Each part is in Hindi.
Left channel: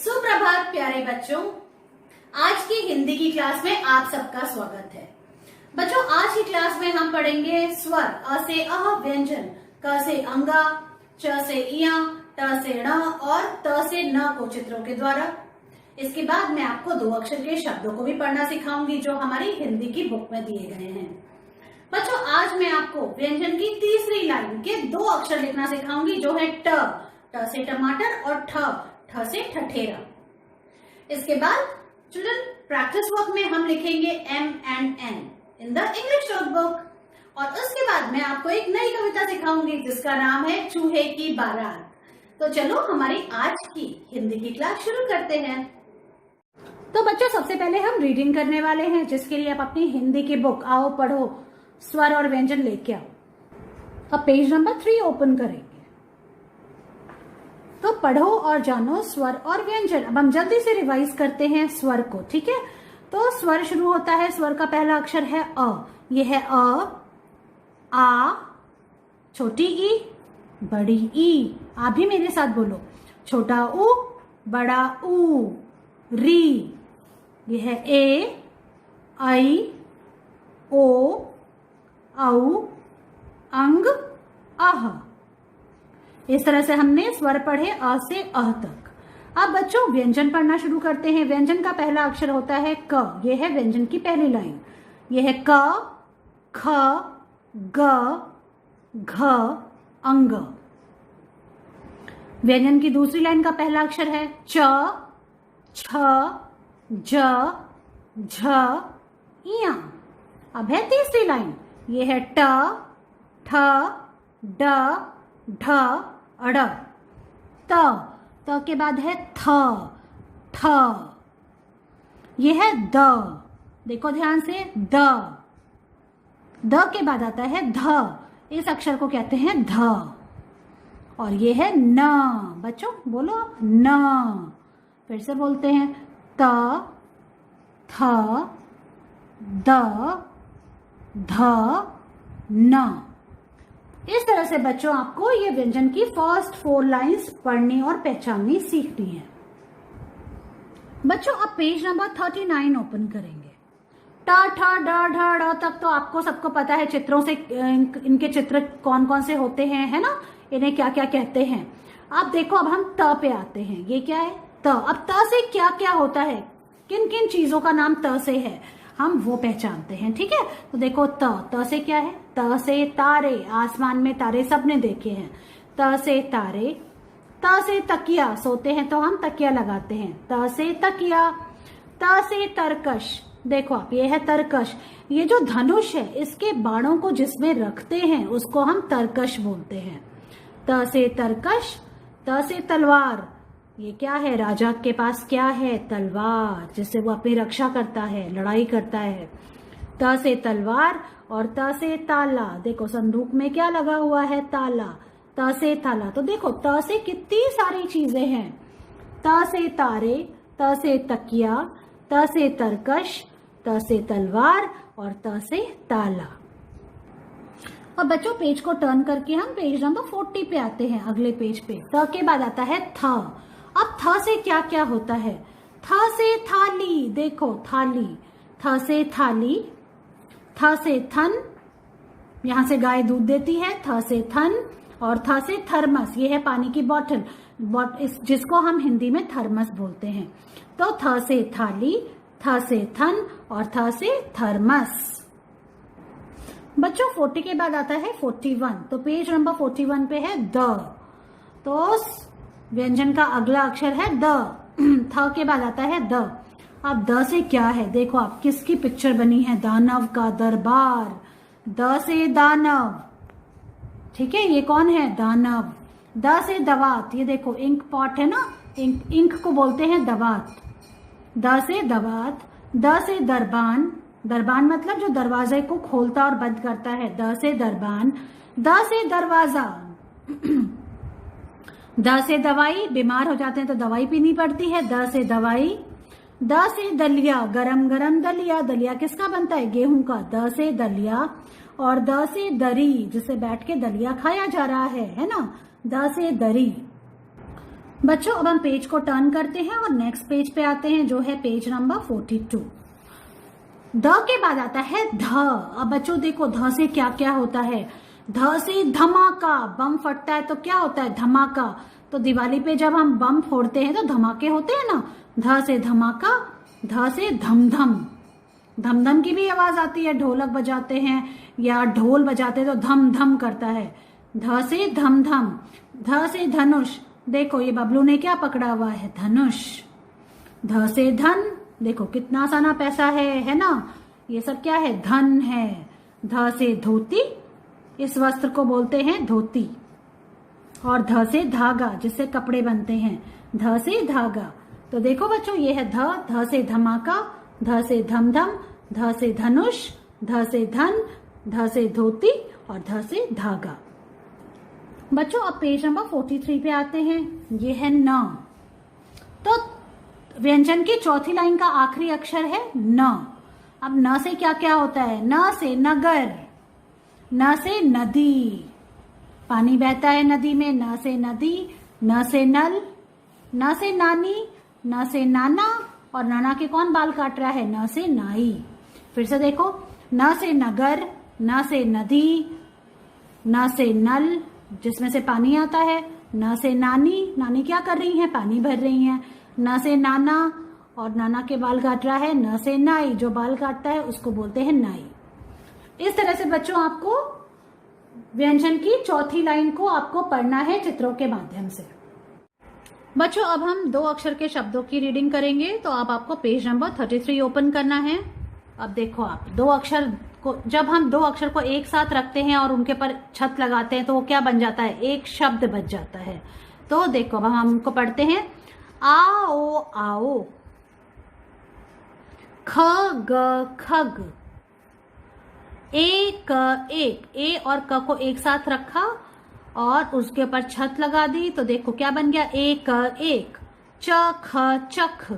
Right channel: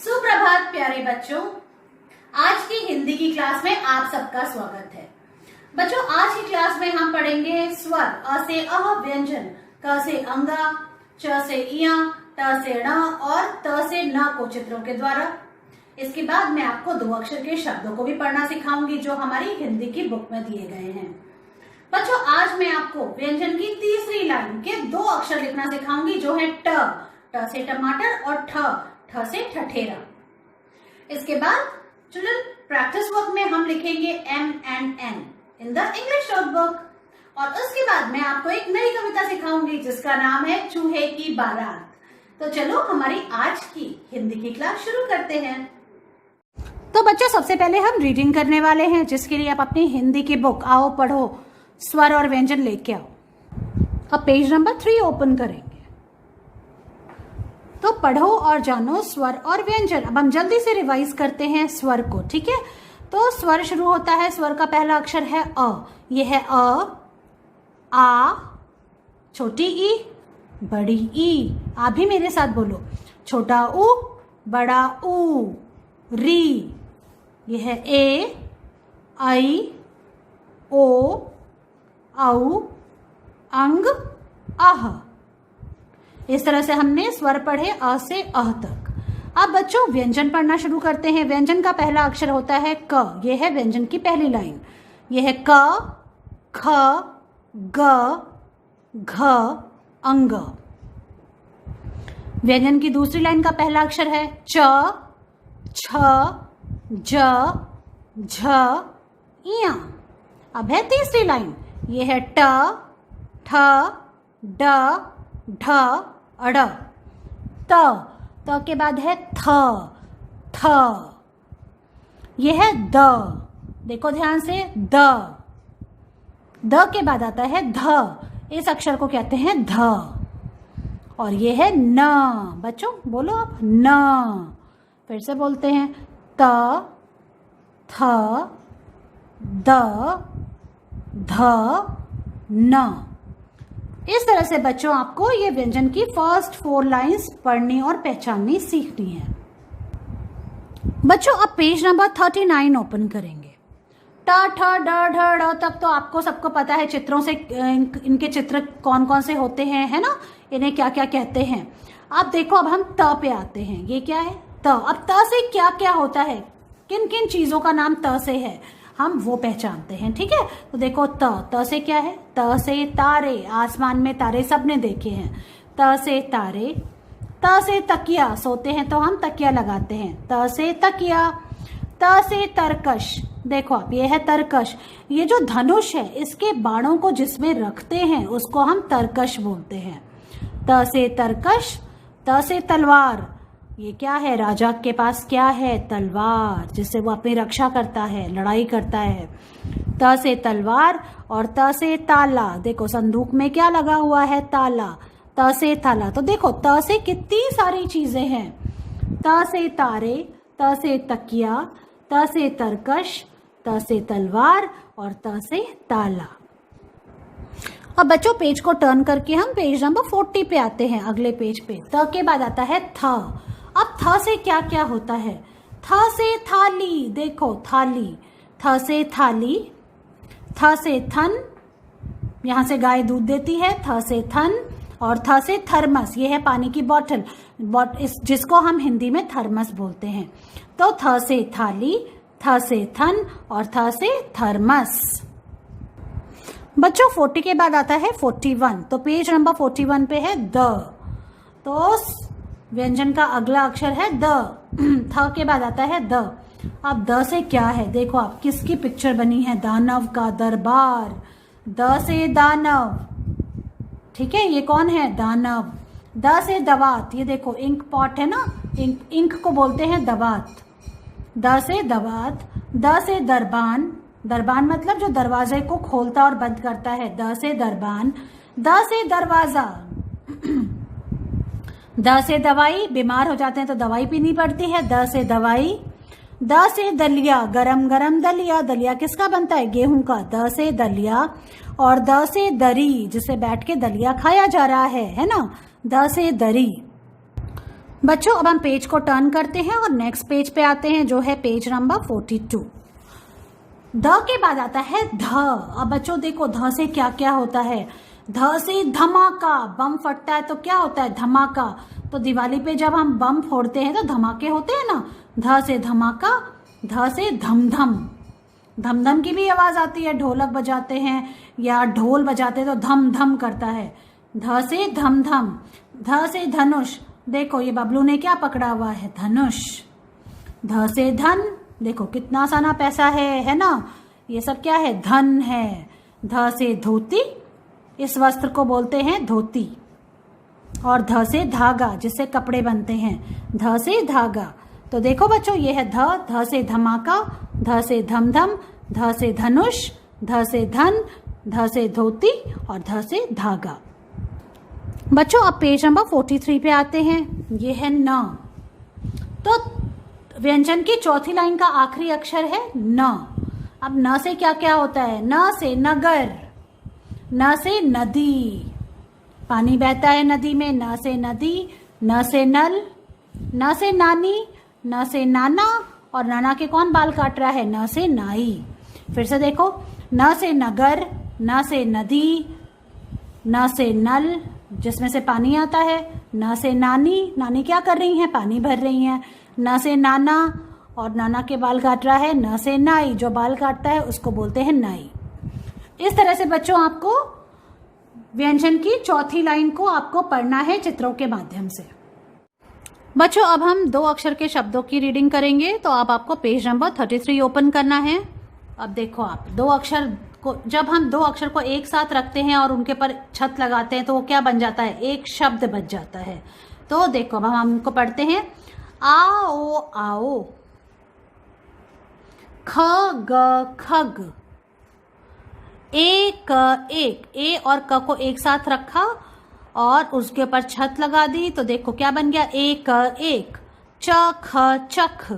सुप्रभात प्यारे बच्चों, आज की हिंदी की क्लास में आप सबका स्वागत है। बच्चों, आज की क्लास में हम पढ़ेंगे स्वर अ से अह व्यंजन, क से अंगा, च से इया, ट से ण और त से न को चित्रों के द्वारा। इसके बाद मैं आपको दो अक्षर के शब्दों को भी पढ़ना सिखाऊंगी जो हमारी हिंदी की बुक में दिए गए हैं। बच्चों, आज मैं आपको व्यंजन की तीसरी लाइन के दो अक्षर लिखना सिखाऊंगी जो है ट से टमाटर और ठ से ठठेरा। इसके बाद चिल्ड्रन प्रैक्टिस वर्क में हम लिखेंगे M and N in the English notebook और उसके बाद मैं आपको एक नई कविता सिखाऊंगी जिसका नाम है चूहे की बारात। तो चलो हमारी आज की हिंदी की क्लास शुरू करते हैं। तो बच्चों, सबसे पहले हम रीडिंग करने वाले हैं जिसके लिए आप अपनी हिंदी की बुक आओ पढ़ो स्वर और व्यंजन लेके आओ। अब पेज नंबर 3 ओपन करेंगे। तो पढ़ो और जानो स्वर और व्यंजन। अब हम जल्दी से रिवाइज करते हैं स्वर को, ठीक है। तो स्वर शुरू होता है, स्वर का पहला अक्षर है अ। यह है अ, आ, छोटी ई, बड़ी ई। आप भी मेरे साथ बोलो, छोटा ऊ, बड़ा ऊ, री। यह है ए, आई, ओ, औ, अंग, आह। इस तरह से हमने स्वर पढ़े अ से अह तक। अब बच्चों व्यंजन पढ़ना शुरू करते हैं। व्यंजन का पहला अक्षर होता है क। यह है व्यंजन की पहली लाइन। यह है क, ख, ग, घ, अंग। व्यंजन की दूसरी लाइन का पहला अक्षर है च, छ, ज, झ, इया। अब है तीसरी लाइन। यह है ट, ठ, ड, ढ, अड़। त के बाद है थ, ठ। यह है द। देखो ध्यान से, द के बाद आता है ध। इस अक्षर को कहते हैं ध। और यह है न। बच्चों बोलो आप, न। फिर से बोलते हैं त, थ, द, ध, न। इस तरह से बच्चों आपको ये व्यंजन की फर्स्ट 4 लाइंस पढ़नी और पहचाननी सीखनी है। बच्चों अब पेज नंबर 39 ओपन करेंगे। ट, ठ, ड, ढ, ड़ तक तो आपको सबको पता है चित्रों से इनके चित्र कौन कौन से होते हैं, है ना, इन्हें क्या क्या कहते हैं। अब देखो, अब हम त पे आते हैं। ये क्या है? त। अब त से क्या क्या होता है, किन किन चीजों का नाम त से है, हम वो पहचानते हैं, ठीक है। तो देखो त से क्या है? त से तारे, आसमान में तारे सबने देखे हैं। त से तारे। त से तकिया, सोते हैं तो हम तकिया लगाते हैं। त से तकिया। त से तरकश, देखो आप, ये है तरकश। ये जो धनुष है इसके बाणों को जिसमें रखते हैं उसको हम तरकश बोलते हैं। त से तरकश। त से तलवार, ये क्या है? राजा के पास क्या है? तलवार, जिससे वो अपनी रक्षा करता है, लड़ाई करता है। त से तलवार। और त से ताला, देखो संदूक में क्या लगा हुआ है? ताला। त से ताला। तो देखो त से कितनी सारी चीजें हैं। त से तारे, त से तकिया, त से तरकश, त से तलवार और त से ताला। अब बच्चों पेज को टर्न करके हम पेज नंबर 40 पे आते हैं, अगले पेज पे। त के बाद आता है थ। अब थ से क्या क्या होता है? थ से थाली, देखो थाली। थ से थाली। थ से थन, यहां से गाय दूध देती है। थ से थन। और थ से थर्मस, ये है पानी की बॉटल, जिसको हम हिंदी में थर्मस बोलते हैं। तो थ से थाली, थ से थन और थ से थर्मस। बच्चों 40 के बाद आता है 41। तो पेज नंबर 41 पे है द। तो व्यंजन का अगला अक्षर है द। थ के बाद आता है द। अब द से क्या है? देखो आप, किसकी पिक्चर बनी है? दानव का दरबार। द से दानव, ठीक है, ये कौन है? दानव। द से दवात, ये देखो इंक पॉट है ना, इंक को बोलते हैं दवात। द से दवात। द से दरबान, दरबान मतलब जो दरवाजे को खोलता और बंद करता है। द से दरबान। द से दरवाजा। द से दवाई, बीमार हो जाते हैं तो दवाई पीनी पड़ती है। द से दवाई। द से दलिया, गरम गरम दलिया। दलिया किसका बनता है? गेहूं का। द से दलिया। और द से दरी, जिसे बैठ के दलिया खाया जा रहा है ना। द से दरी। बच्चों अब हम पेज को टर्न करते हैं और नेक्स्ट पेज पे आते हैं, जो है पेज नंबर 42। ध के बाद आता है ध। अब बच्चों देखो ध से क्या क्या होता है। ध से धमाका, बम फटता है तो क्या होता है, धमाका। तो दिवाली पे जब हम बम फोड़ते हैं तो धमाके होते हैं ना। ध से धमाका, ध से धमधम, धमधम की भी आवाज आती है, ढोलक बजाते हैं या ढोल बजाते हैं तो धम धम करता है। ध से धमधम। ध से धनुष, देखो ये बबलू ने क्या पकड़ा हुआ है, धनुष। ध से धन, देखो कितना आसाना पैसा है ना, ये सब क्या है, धन है। ध से धोती, इस वस्त्र को बोलते हैं धोती। और ध से धागा, जिससे कपड़े बनते हैं, ध से धागा। तो देखो बच्चों ये है ध। ध से धमाका, ध से धमधम, ध से धनुष, ध से धन, ध से धोती और ध से धागा। बच्चों अब पेज नंबर 43 पे आते हैं, ये है न। तो व्यंजन की चौथी लाइन का आखिरी अक्षर है न। अब न से क्या क्या होता है, न से नगर, न से नदी, पानी बहता है नदी में, न से नदी। न से नल, न से नानी, न से नाना, और नाना के कौन बाल काट रहा है, न से नाई। फिर से देखो, न से नगर, न से नदी, न से नल जिसमें से पानी आता है, न से नानी, नानी क्या कर रही हैं, पानी भर रही हैं। न से नाना, और नाना के बाल काट रहा है। न से नाई, जो बाल काटता है उसको बोलते हैं नाई। इस तरह से बच्चों आपको व्यंजन की चौथी लाइन को आपको पढ़ना है चित्रों के माध्यम से। बच्चों अब हम दो अक्षर के शब्दों की रीडिंग करेंगे, तो अब आपको पेज नंबर 33 ओपन करना है। अब देखो आप दो अक्षर को, जब हम दो अक्षर को एक साथ रखते हैं और उनके पर छत लगाते हैं तो वो क्या बन जाता है, एक शब्द बन जाता है। तो देखो अब हम उनको पढ़ते हैं। आओ आओ, ख ग खग, एक एक, ए और क को एक साथ रखा और उसके ऊपर छत लगा दी, तो देखो क्या बन गया, एक एक। च ख चख,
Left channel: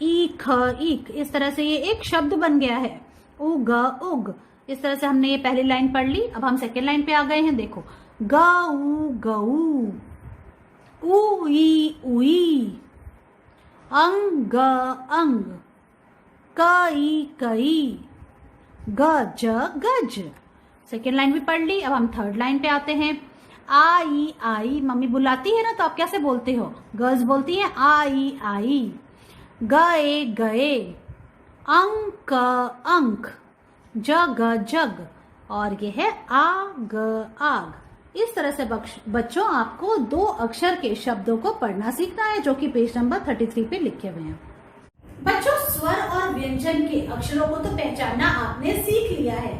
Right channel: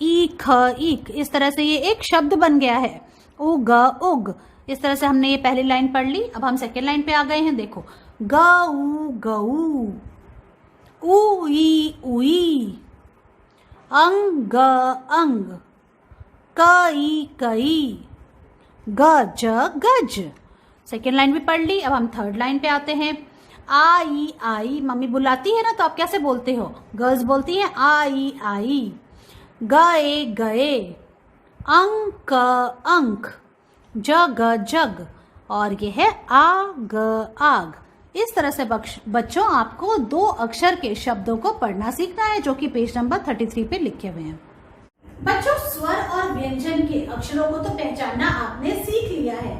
ई ख ईक, इस तरह से ये एक शब्द बन गया है। उग उग, इस तरह से हमने ये पहली लाइन पढ़ ली। अब हम सेकेंड लाइन पे आ गए हैं, देखो गऊ गऊ, ऊ ई उई, अंग अंग, कई कई, गज गज। सेकेंड लाइन भी पढ़ ली। अब हम थर्ड लाइन पे आते हैं। आई आई, मम्मी बुलाती है ना तो आप कैसे बोलते हो, गर्ल्स बोलती हैं आई आई। गए गए, अंक अंक, जग जग, और ये है आग आग। इस तरह से बच्चों आपको दो अक्षर के शब्दों को पढ़ना सीखना है, जो कि पेज नंबर 33 पे लिखे हुए हैं। बच्चों स्वर और व्यंजन के अक्षरों को तो पहचानना आपने सीख लिया है।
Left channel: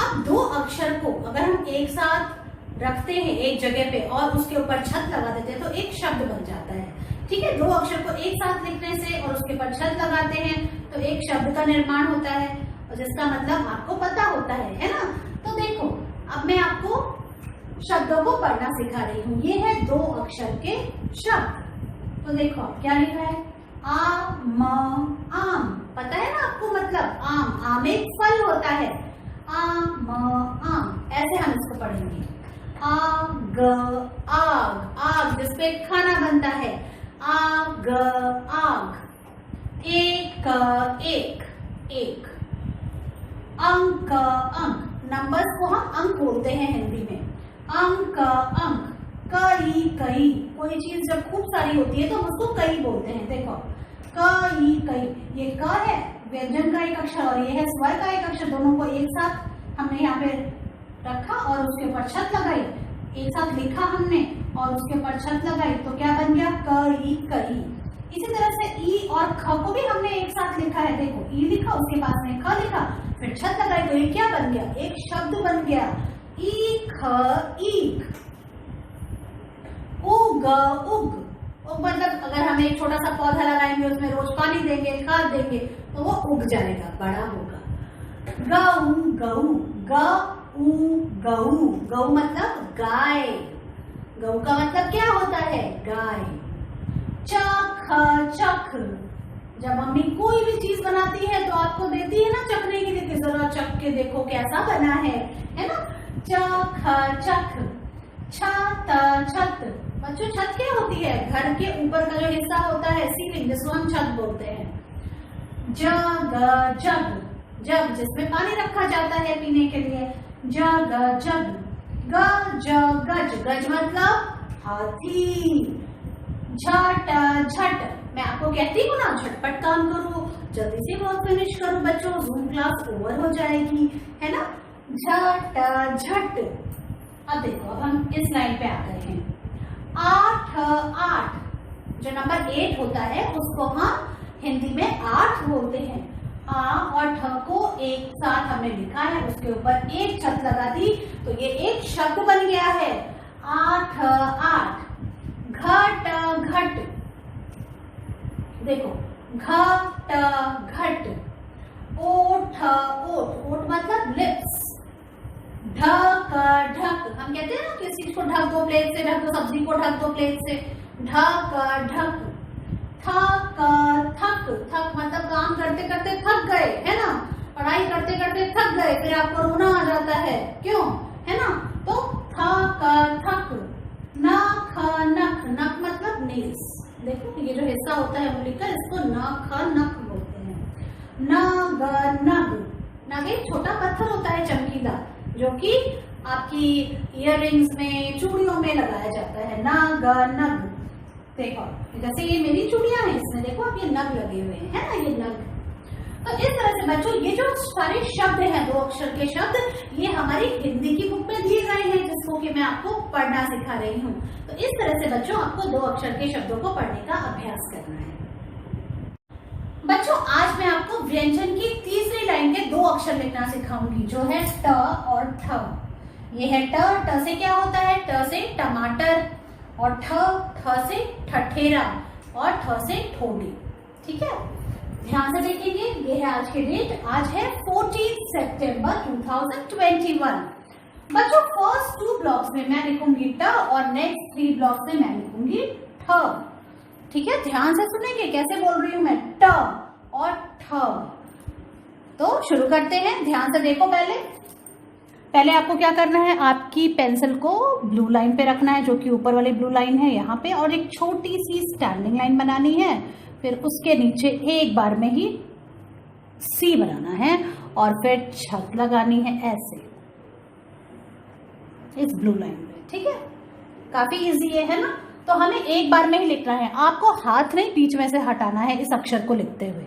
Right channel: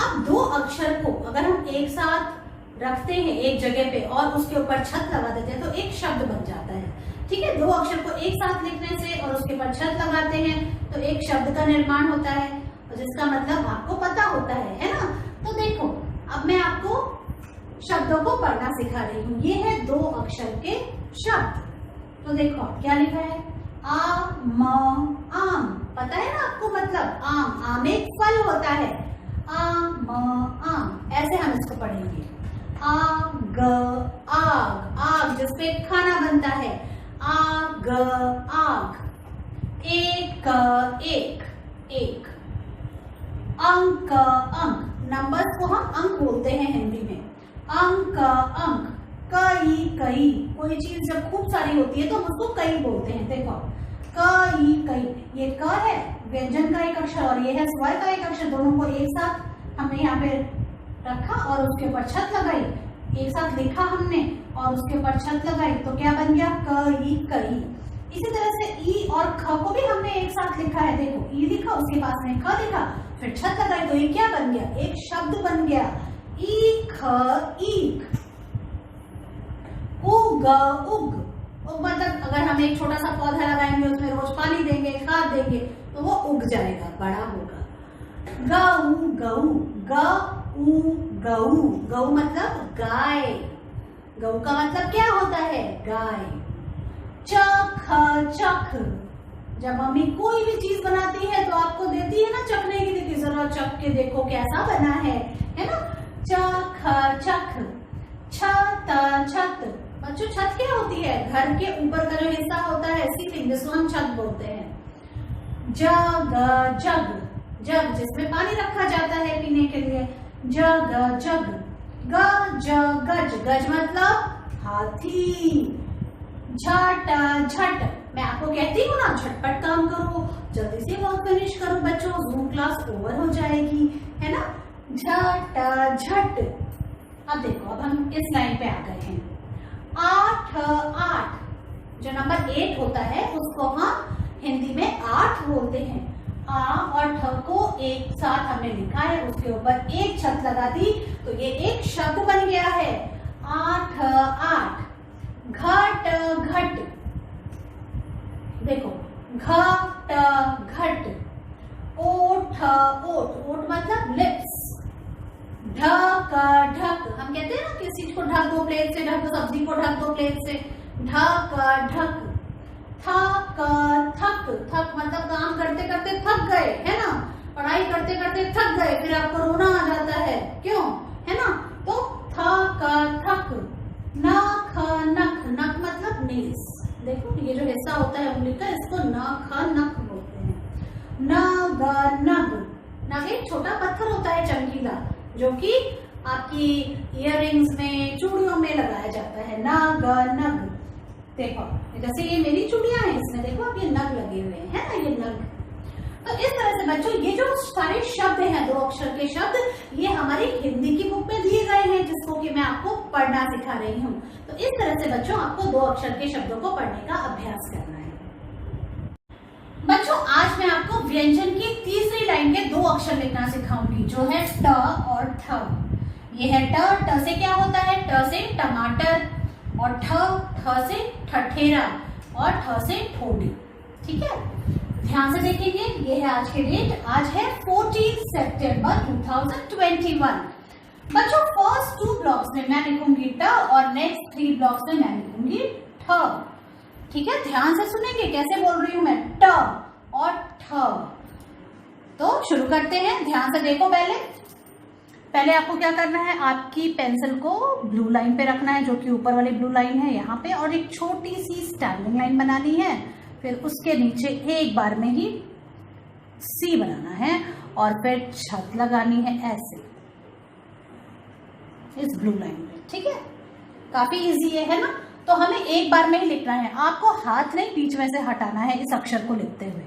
अब दो अक्षर को अगर हम एक साथ रखते हैं एक जगह पे और उसके ऊपर छत लगा देते हैं तो एक शब्द बन जाता है। ठीक है, दो अक्षर को एक साथ लिखने से और उसके ऊपर छत लगाते हैं तो एक शब्द का निर्माण होता है, और जिसका मतलब आपको पता होता है ना। तो देखो अब मैं आपको शब्दों को पढ़ना सिखा रही हूँ। ये है दो अक्षर के शब्द। तो देखो क्या लिखा है, आम आम, पता है ना आपको मतलब आम, आम एक फल होता है। आम आम, ऐसे हम इसको पढ़ेंगे। आग आग, आग जिसपे खाना बनता है, आग आग। एक एक एक, अंक अंक, नंबर्स को हम अंक बोलते हैं हिंदी में, अंक अंक। कई कई, कोई चीज जब खूब सारी होती है तो हम उसको कई बोलते हैं। देखो कई कई, ये क है व्यंजन का एक अक्षर और ये है स्वर का एक अक्षर, दोनों को एक साथ हमने यहाँ पे रखा और उसके ऊपर छत लगाई, एक साथ लिखा हमने और उसके ऊपर छत लगाई, तो क्या बन गया, कई कई। इसी तरह से ई और ख को भी हमने एक साथ लिखा है। देखो ई लिखा, उसके पास में ख लिखा, फिर छत लगाई, तो ये क्या बन गया, एक शब्द बन गया, ईख ईख। उग उग, उग मतलब अगर हम एक छोटा सा पौधा लगाएंगे, उसमें रोज पानी देंगे, खाद देंगे, तो वो उग जाएगा, बड़ा होगा। गऊ गऊ, गऊ गऊ, गऊ मतलब गाय, गऊ का मतलब क्या होता है, गाय। चख चख, जब मम्मी कोई भी चीज बनाती है तो आपको देती है ना चखने के लिए, जरा चख के देखो कैसा बना है ना। चख चख। छत छत, बच्चों छत क्या होती है? घर के ऊपर का जो हिस्सा होता है सीलिंग, जिसको हम छत बोलते हैं। जग, जग, जग जिसमें पानी रखा जाता है पीने के लिए, जग जग। गज, गज, गज मतलब हाथी। झट, झट, मैं आपको कहती हूँ ना झटपट काम करो, जल्दी से वर्क फिनिश करो बच्चों, जूम क्लास ओवर हो जाएगी, है ना। झट, झट। अब देखो, अब हम इस लाइन पे आ गए हैं। 8, 8, जो नंबर 8 होता है उसको हम हिंदी में 8 बोलते हैं। आ और ठ को एक साथ हमने लिखा है, उसके ऊपर एक छत लगा दी तो ये एक शब्द बन गया है। 8, 8। घट, घट, देखो घट, घट। ओठ, ओठ, ओठ मतलब लिप्स। ढक, ढक, हम कहते हैं ना किसी चीज को ढक दो प्लेट से, ढक दो सब्जी को, ढक दो प्लेट से। ढक, ढक। थक, थक, थक मतलब काम करते करते थक गए, है ना। पढ़ाई करते करते थक गए, फिर आपको रोना आ जाता है, क्यों, है ना। तो थक, थक। नख, नख, नख मतलब नेल्स। देखो ये जो हिस्सा होता है उंगली का, इसको नख, नख बोलते हैं। नग, नग, नग एक छोटा पत्थर होता है चमकीला, जो कि आपकी इयररिंग्स में, चूड़ियों में लगाया जाता है। नग, नग। देखो जैसे ये मेरी चूड़ियां हैं, इसमें देखो अब ये नग लगे हुए हैं, है ना, ये नग। तो इस तरह से बच्चों ये जो सारे शब्द हैं, 2 अक्षर के शब्द, ये हमारी हिंदी की बुक में दिए गए हैं, जिसको कि मैं आपको पढ़ना सिखा रही हूँ। तो इस तरह से बच्चों आपको 2 अक्षर के शब्दों को पढ़ने का अभ्यास करना है। बच्चों आज मैं आपको व्यंजन की तीसरी लाइन के 2 अक्षर लिखना सिखाऊंगी, जो है ट और ठ। ये है ट, ट से क्या होता है? ट से टमाटर, और ठ, ठ से ठठेरा, और ठ से ठोडी। ठीक है, ध्यान से देखेंगे। ये है आज की डेट, आज है 14 सितंबर 2021। बच्चों फर्स्ट 2 ब्लॉक्स में मैं लिखूंगी ट और नेक्स्ट 3 ब्लॉक्स में मैं लिखूंगी ठ। ठीक है, ध्यान से सुनेंगे कैसे बोल रही हूं मैं, ट और ठ। तो शुरू करते हैं, ध्यान से देखो। पहले आपको क्या करना है, आपकी पेंसिल को ब्लू लाइन पे रखना है, जो कि ऊपर वाली ब्लू लाइन है यहाँ पे, और एक छोटी सी स्टैंडिंग लाइन बनानी है। फिर उसके नीचे एक बार में ही सी बनाना है, और फिर छत लगानी है ऐसे इस ब्लू लाइन पे। ठीक है, काफी इजी है ना। तो हमें एक बार में ही लिखना है, आपको हाथ नहीं बीच में से हटाना है इस अक्षर को लिखते हुए।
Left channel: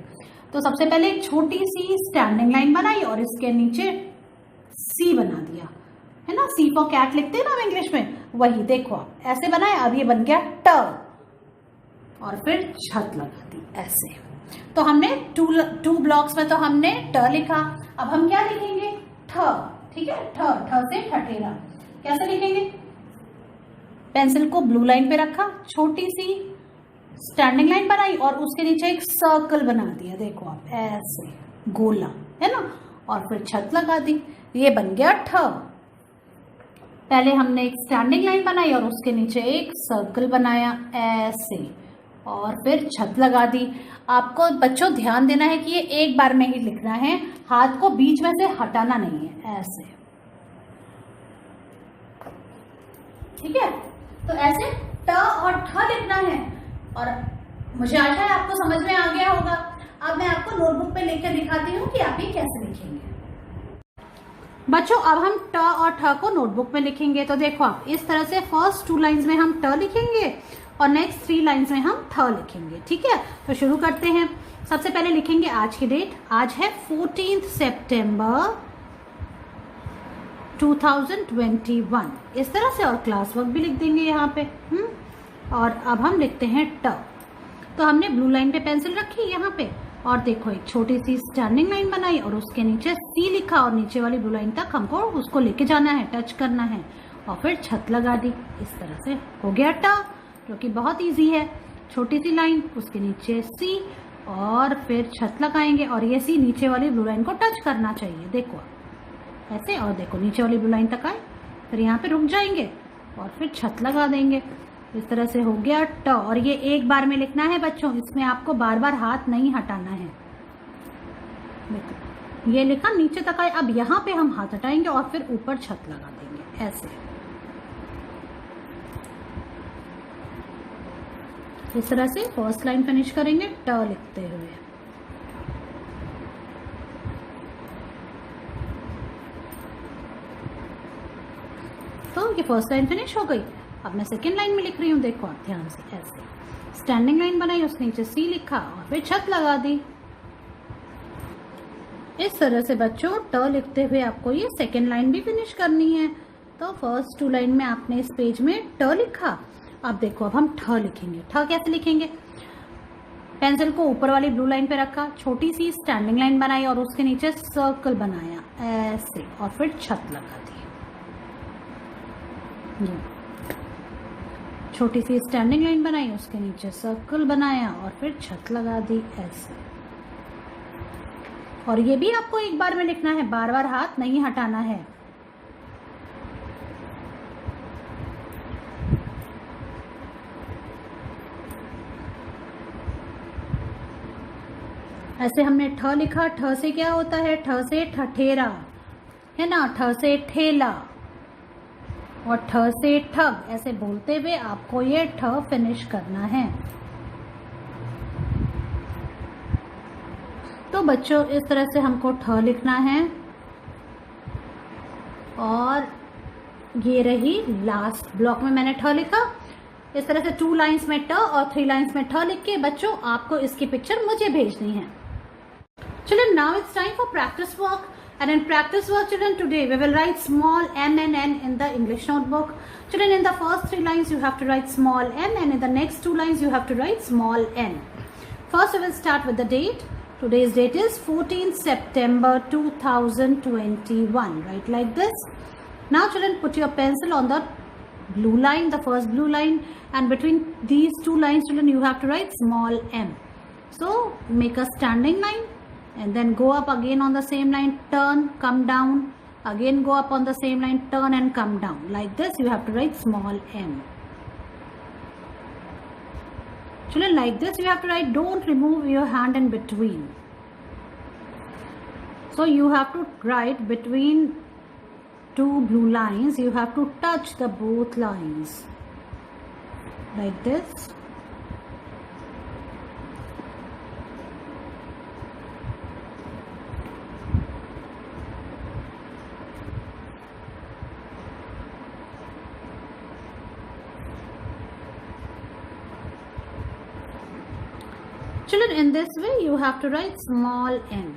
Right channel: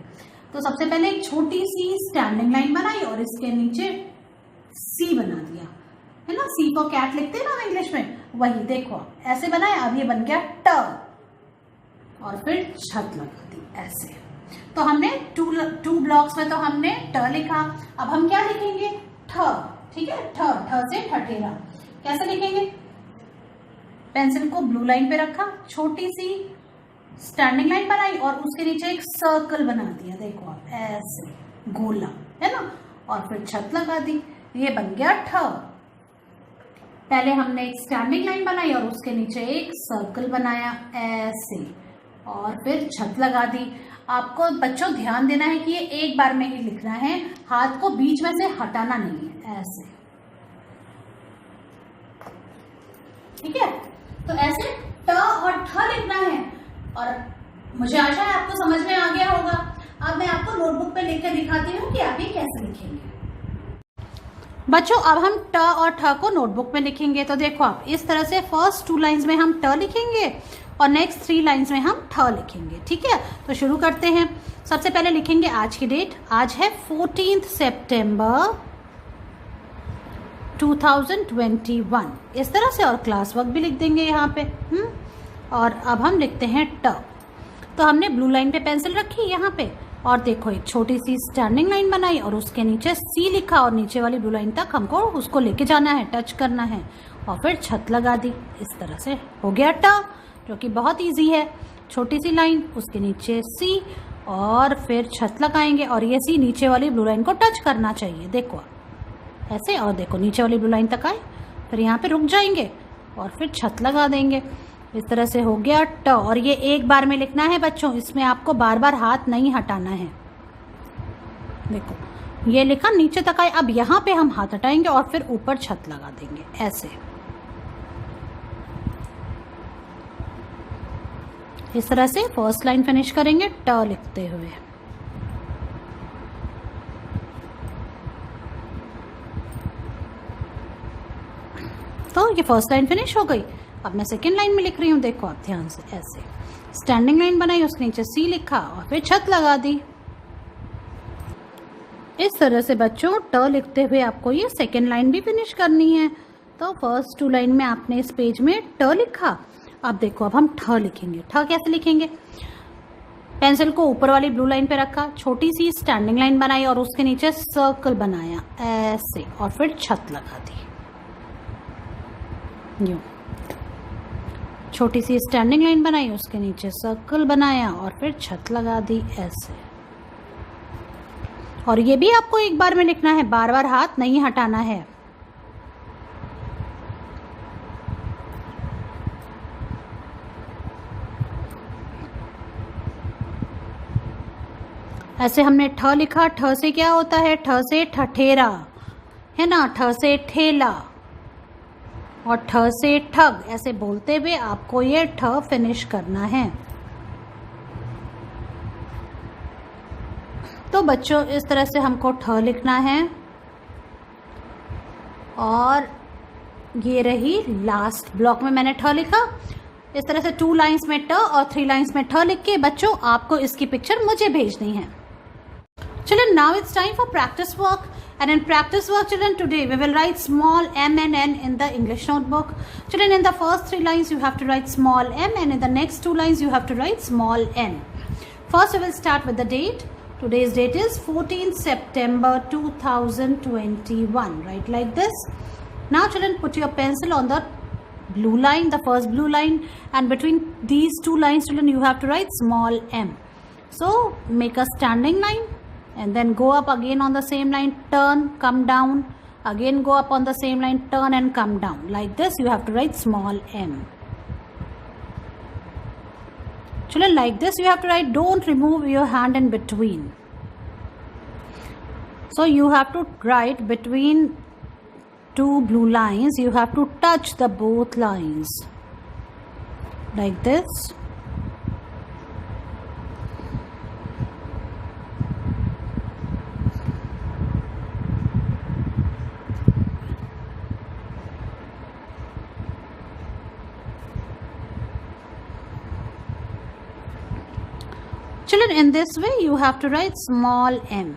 तो सबसे पहले एक छोटी सी स्टैंडिंग लाइन बनाई और इसके नीचे सी बना दिया, है ना। सी फॉर कैट लिखते हैं ना हम इंग्लिश में, वही देखो ऐसे बनाया। अब ये बन गया ट, और फिर छत लगा दी ऐसे। तो हमने टू ब्लॉक्स में तो हमने ट लिखा। अब हम क्या लिखेंगे, ठ। ठीक है, ठ, ठ से ठठेरा। कैसे लिखेंगे, पेंसिल को ब्लू लाइन पे रखा, छोटी सी स्टैंडिंग लाइन बनाई और उसके नीचे एक सर्कल बना दिया, देखो आप ऐसे गोला, है ना, और फिर छत लगा दी। ये बन गया ठ। पहले हमने एक स्टैंडिंग लाइन बनाई और उसके नीचे एक सर्कल बनाया ऐसे, और फिर छत लगा दी। आपको बच्चों ध्यान देना है कि ये एक बार में ही लिखना है, हाथ को बीच में से हटाना नहीं है, ऐसे। ठीक है, तो ऐसे ट और ठ लिखना है, और मुझे आशा है आपको समझ में आ गया होगा। अब मैं आपको नोटबुक पे लिख कर दिखाती हूँ कि आप ये कैसे लिखेंगे। बच्चों अब हम ट और ठ को नोटबुक में लिखेंगे। तो देखो आप इस तरह से फर्स्ट 2 लाइंस में हम ट लिखेंगे और नेक्स्ट 3 लाइंस में हम ठ लिखेंगे। ठीक है, तो शुरू करते हैं। सबसे पहले लिखेंगे आज की डेट, आज है 14 सितंबर 2021 इस तरह से, और क्लास वर्क भी लिख देंगे यहाँ पे। और अब हम लिखते हैं ट। तो हमने ब्लू लाइन पे पेंसिल रखी यहाँ पे, और देखो एक छोटी सी स्टैंडिंग लाइन बनाई और उसके नीचे सी लिखा, और नीचे वाली ब्लू लाइन तक हमको उसको लेके जाना है, टच करना है, और फिर छत लगा दी। इस तरह से हो गया ट, जो कि बहुत इजी है। छोटी सी लाइन, उसके नीचे सी, और फिर छत लगाएंगे, और ये सी नीचे वाली ब्लू लाइन को टच करना चाहिए, देखो ऐसे। और देखो नीचे वाली ब्लू लाइन तक आए, फिर यहाँ पे रुक जाएंगे और फिर छत लगा देंगे। इस तरह से हो गया ट, और ये एक बार में लिखना है बच्चों, इसमें आपको बार बार हाथ नहीं हटाना है। देखो ये लिखा, नीचे तक आए। अब यहाँ पे हम हाथ हटाएंगे और फिर ऊपर छत लगा देंगे ऐसे। इस तरह से फर्स्ट लाइन फिनिश करेंगे ट लिखते हुए। तो ये फर्स्ट लाइन फिनिश हो गई। अब मैं सेकेंड लाइन में लिख रही हूँ, देखो आप ध्यान से, ऐसे स्टैंडिंग लाइन बनाई, उसके नीचे सी लिखा और फिर छत लगा दी। इस तरह से बच्चों ट लिखते हुए आपको ये सेकेंड लाइन भी फिनिश करनी है। तो फर्स्ट 2 लाइन में आपने इस पेज में ट लिखा। अब देखो अब हम ठ लिखेंगे। ठ कैसे लिखेंगे? पेंसिल को ऊपर वाली ब्लू लाइन पे रखा, छोटी सी स्टैंडिंग लाइन बनाई और उसके नीचे सर्कल बनाया ऐसे और फिर छत लगा दी। यूं छोटी सी स्टैंडिंग लाइन बनाई, उसके नीचे सर्कल बनाया और फिर छत लगा दी ऐसे। और ये भी आपको एक बार में लिखना है, बार बार हाथ नहीं हटाना है। ऐसे हमने ठ लिखा। ठ से क्या होता है? ठ से ठठेरा है ना, ठ से ठेला और ठ से ठग। ऐसे बोलते हुए आपको ये ठ फिनिश करना है। तो बच्चों इस तरह से हमको ठ लिखना है। और ये रही लास्ट ब्लॉक में मैंने ठ लिखा। इस तरह से 2 लाइंस में ट और 3 लाइंस में ठ लिख के बच्चों आपको इसकी पिक्चर मुझे भेजनी है। Children, now it's time for practice work. And in practice work, children, today we will write small m and n in the English notebook. Children, in the first 3 lines you have to write small m, and in the next 2 lines you have to write small n. First we will start with the date. Today's date is 14th September 2021. Write like this. Now children, put your pencil on the blue line, the first blue line, and between these 2 lines children you have to write small m. So make a standing line and then go up again on the same line, turn, come down, again go up on the same line, turn and come down. Like this you have to write small m. Children, like this you have to write, don't remove your hand in between. So you have to write between 2 blue lines, you have to touch the both lines like this. Children, in this way you have to write small m.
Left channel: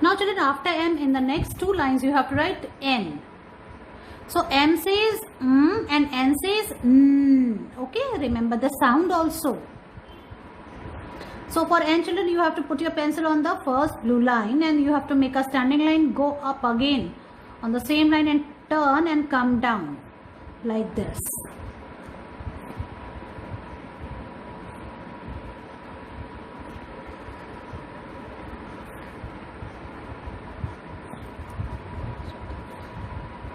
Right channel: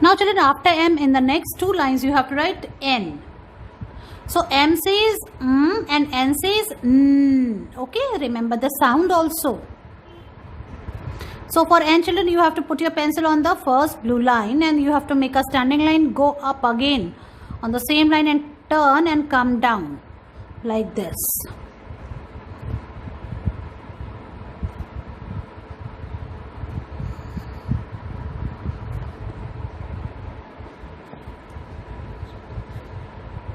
Now children, after m in the next 2 lines you have to write n. So m says and n says n. Okay, remember the sound also. So for n children you have to put your pencil on the first blue line and you have to make a standing line, go up again on the same line and turn and come down like this.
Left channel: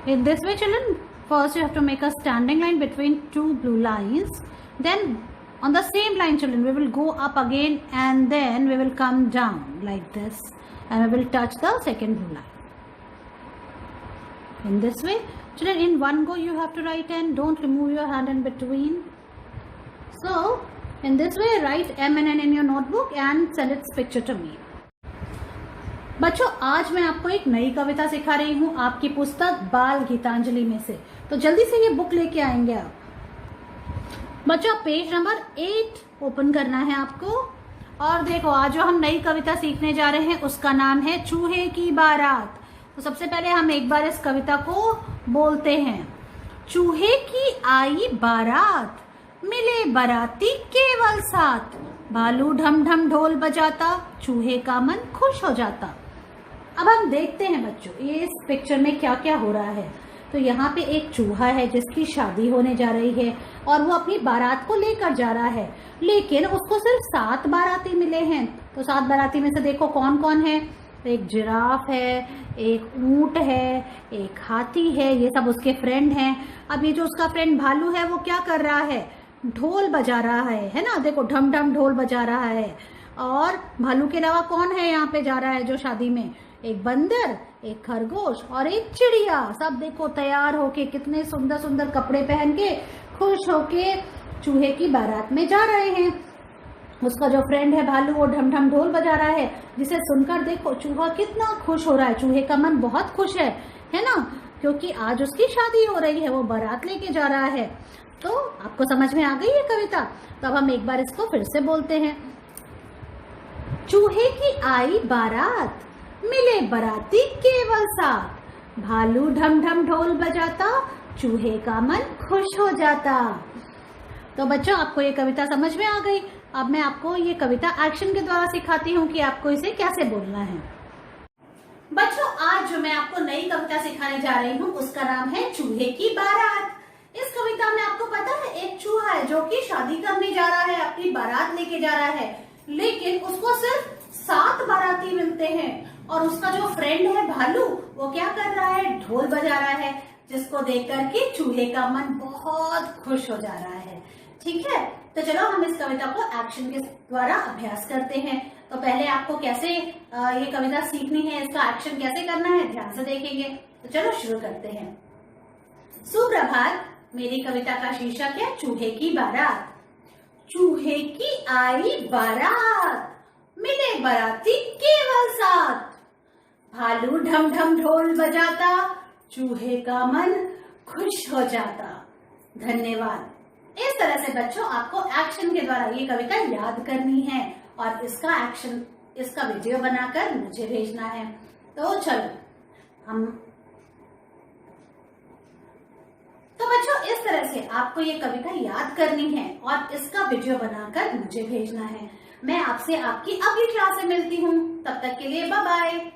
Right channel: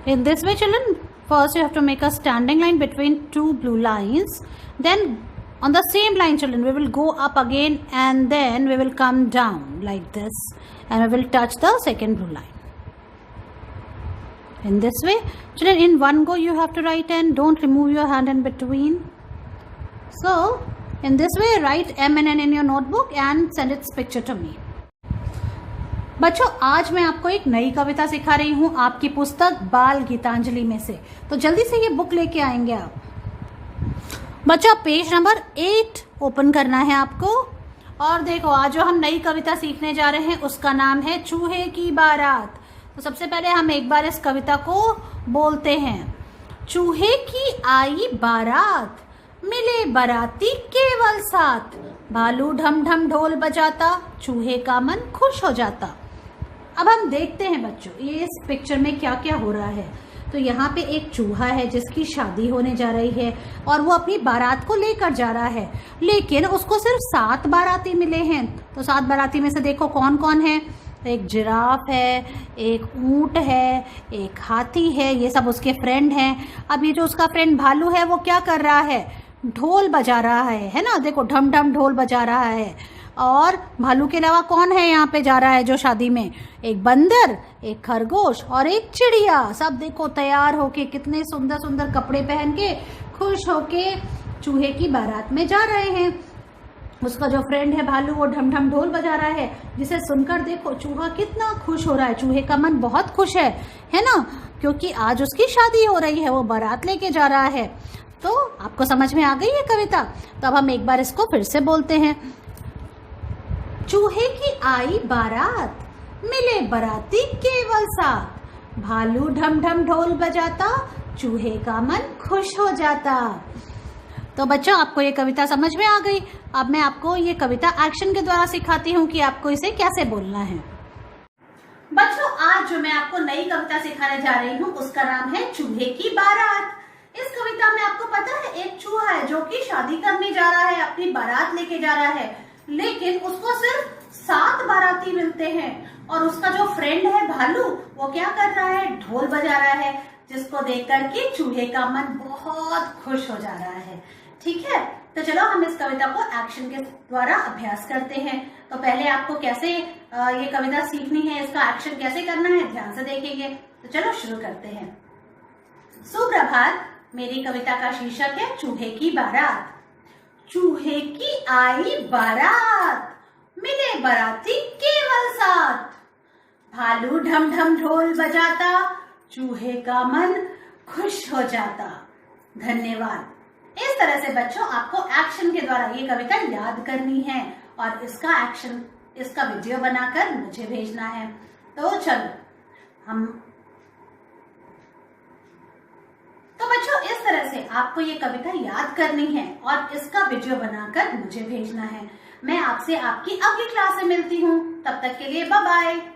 In this way children, first you have to make a standing line between 2 blue lines, then on the same line children we will go up again and then we will come down like this and we will touch the second blue line. In this way children, in one go you have to write n, don't remove your hand in between. So in this way write m and n in your notebook and send its picture to me. बच्चों आज मैं आपको एक नई कविता सिखा रही हूँ आपकी पुस्तक बाल गीतांजलि में से। तो जल्दी से ये बुक लेके आएंगे आप। बच्चों पेज नंबर 8 ओपन करना है आपको। और देखो आज जो हम नई कविता सीखने जा रहे हैं उसका नाम है चूहे की बारात। तो सबसे पहले हम एक बार इस कविता को बोलते हैं। चूहे की आई बारात, मिले बाराती केवल 7, भालू ढम ढम ढोल बजाता, चूहे का मन खुश हो जाता। अब हम देखते हैं बच्चों ये इस पिक्चर में क्या क्या हो रहा है। तो यहाँ पे एक चूहा है जिसकी शादी होने जा रही है और वो अपनी बारात को लेकर जा रहा है, लेकिन उसको सिर्फ 7 बाराती मिले हैं। तो 7 बाराती में से देखो कौन कौन है। एक जिराफ है, एक ऊंट है, एक हाथी है, ये सब उसके फ्रेंड हैं। अब ये जो उसका फ्रेंड भालू है वो क्या कर रहा है? ढोल बजा रहा है ना, देखो ढम ढम ढोल बजा रहा है। और भालू के अलावा कौन है यहाँ पे जा रहा है जो शादी में? एक बंदर, एक खरगोश और एक चिड़िया। सब देखो तैयार होके कितने सुंदर सुंदर कपड़े पहन के खुश होके चूहे की बारात में जा रहे हैं। उसका जो फ्रेंड है भालू, वो ढम ढम ढोल बजा रहा है, जिसे सुनकर देखो चूहा कितना खुश हो रहा है। चूहे का मन बहुत खुश है ना, क्योंकि आज उसकी शादी हो रही है, वो बारात लेके जा रहा है। तो आपको समझ में आ गई है कविता? तो अब हम एक बार इसको फिर से बोलते हैं। चूहे की आई बारात, मिले बाराती केवल साथ, भालू ढम ढम ढोल बजाता, चूहे का मन खुश हो जाता। तो बच्चों, आपको ये कविता समझ में आ गई। अब मैं आपको ये कविता एक्शन के द्वारा सिखाती हूँ कि आपको इसे कैसे बोलना है। बच्चों, आज जो मैं आपको नई कविता सिखाने जा रही हूँ उसका नाम है चूहे की बारात। इस कविता में आपको पता है, एक चूहा है जो कि शादी करने जा रहा है, अपनी बारात लेके जा रहा है, लेकिन उसको सिर्फ 7 बाराती मिलते हैं। और उसका जो फ्रेंड है भालू, वो क्या कर रहा है, ढोल बजा रहा है, जिसको देखकर के चूहे का मन बहुत खुश हो जा रहा है। ठीक है, तो चलो हम इस कविता को एक्शन के द्वारा अभ्यास करते हैं। तो पहले आपको कैसे ये कविता सीखनी है, इसका एक्शन कैसे करना है, ध्यान से देखेंगे। तो चलो शुरू करते हैं। सुप्रभात, मेरी कविता का शीर्षक है चूहे की बारात। चूहे की आई बारात, मिले बाराती केवल साथ, भालू ढम ढम ढोल बजाता, चूहे का मन खुश हो जाता। धन्यवाद। इस तरह से बच्चों आपको एक्शन के द्वारा ये कविता याद करनी है और इसका वीडियो बनाकर मुझे भेजना है। तो चलो तो बच्चों, इस तरह से आपको ये कविता याद करनी है और इसका वीडियो बनाकर मुझे भेजना है। मैं आपसे आपकी अगली क्लास में मिलती हूँ। तब तक के लिए बाय बाय।